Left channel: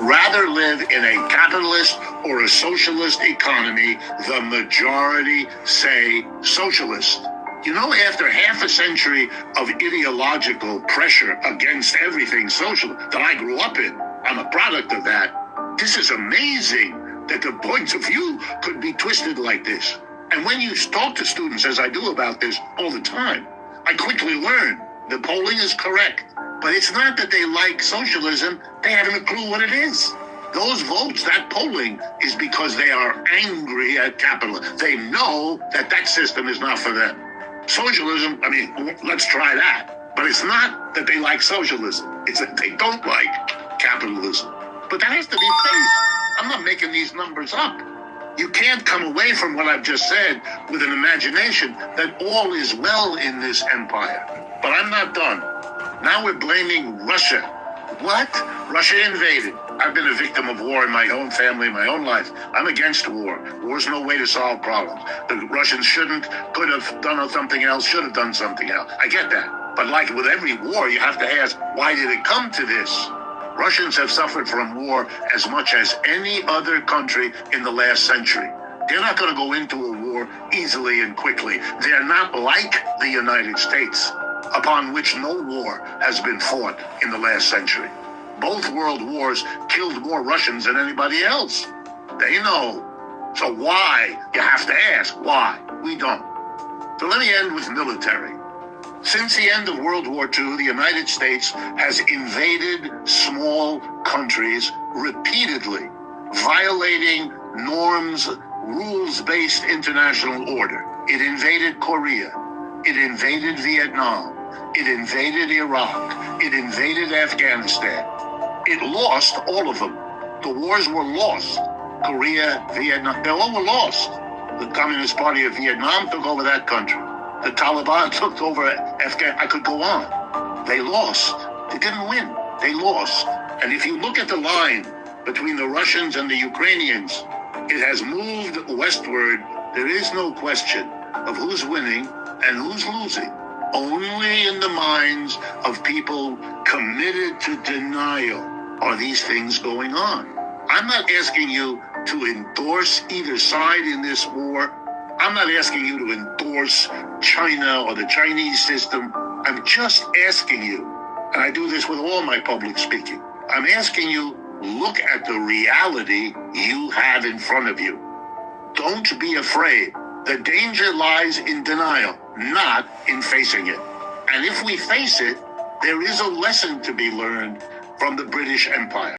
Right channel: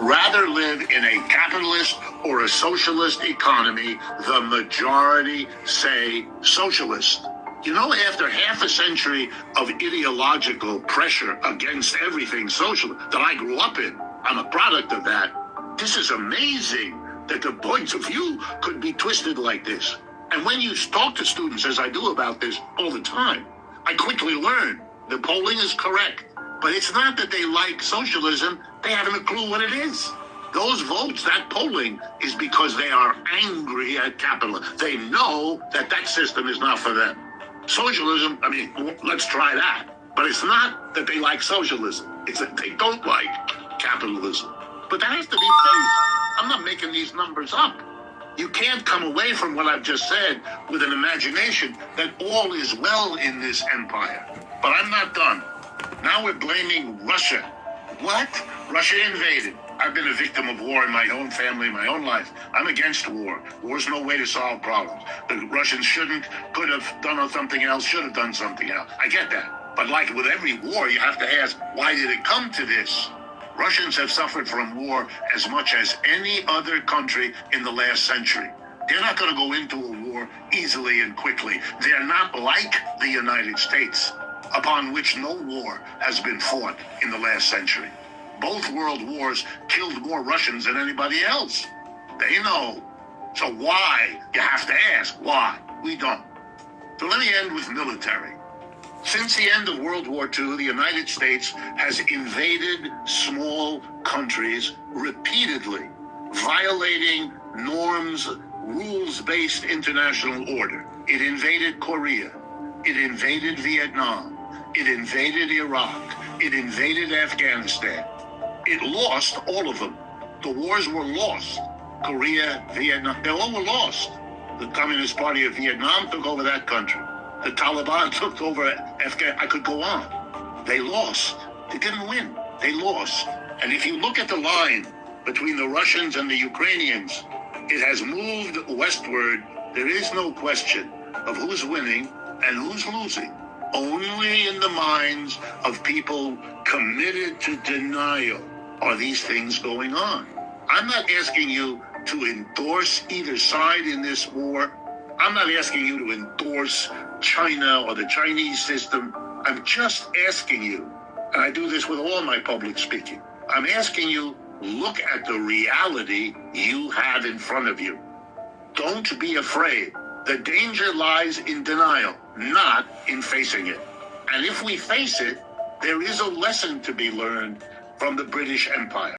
rather live in a capitalist or a socialist economy. The majority say socialist. You know, after half a century of ideological pressure against everything social that I grew up in, I'm a product of that. This is amazing that the points of view could be twisted like this. And when you talk to students, as I do about this all the time, I quickly learn the polling is correct. But it's not that they like socialism. They haven't a clue what it is. Those votes, that polling, is because they are angry at capitalism. They know that that system is not for them. Socialism, I mean, let's try that. But it's not that they like socialism. It's that they don't like capitalism. But that has to be faced. I'm not making these numbers up. You can't come away from what I've just said with an imagination that all is well in this empire. But I'm not done. Now we're blaming Russia. What? Russia invaded. I've been a victim of war in my own family, my own life. I'm against war. War's no way to solve problems. The Russians could have done something else, should have done something else. I get that. But like with every war, you have to ask, why did it come to this? Russians have suffered from war as much as any other country in the last century. They're not going to go into a war easily and quickly. They're not like the United States, upon which no war has been fought in the last century. Both world wars killed more Russians than anybody else. They know. So why? You have to ask why. We don't. So let me end with military. Since the end of World War II, the United States has invaded small countries repeatedly, violating norms, rules-based international order. It invaded Korea. It invaded Vietnam. It invaded Iraq. It invaded Afghanistan. It lost all of them. The wars were lost. Korea, Vietnam, they all were lost. The Communist Party of Vietnam took over that country. The Taliban took over Afghanistan. I could go on. They lost. They didn't win. They lost. And if you look at the line between the Russians and the Ukrainians, it has moved westward. There is no question of who's winning and who's losing. Only in the minds of people committed to denial are these things going on. I'm not asking you to endorse either side in this war. I'm not asking you to endorse China or the Chinese system. I'm just asking you, and I do this with all my public speaking, I'm asking you, look at the reality you have in front of you. Don't be afraid. The danger lies in denial, not in facing it. And if we face it, there is a lesson to be learned from the British Empire.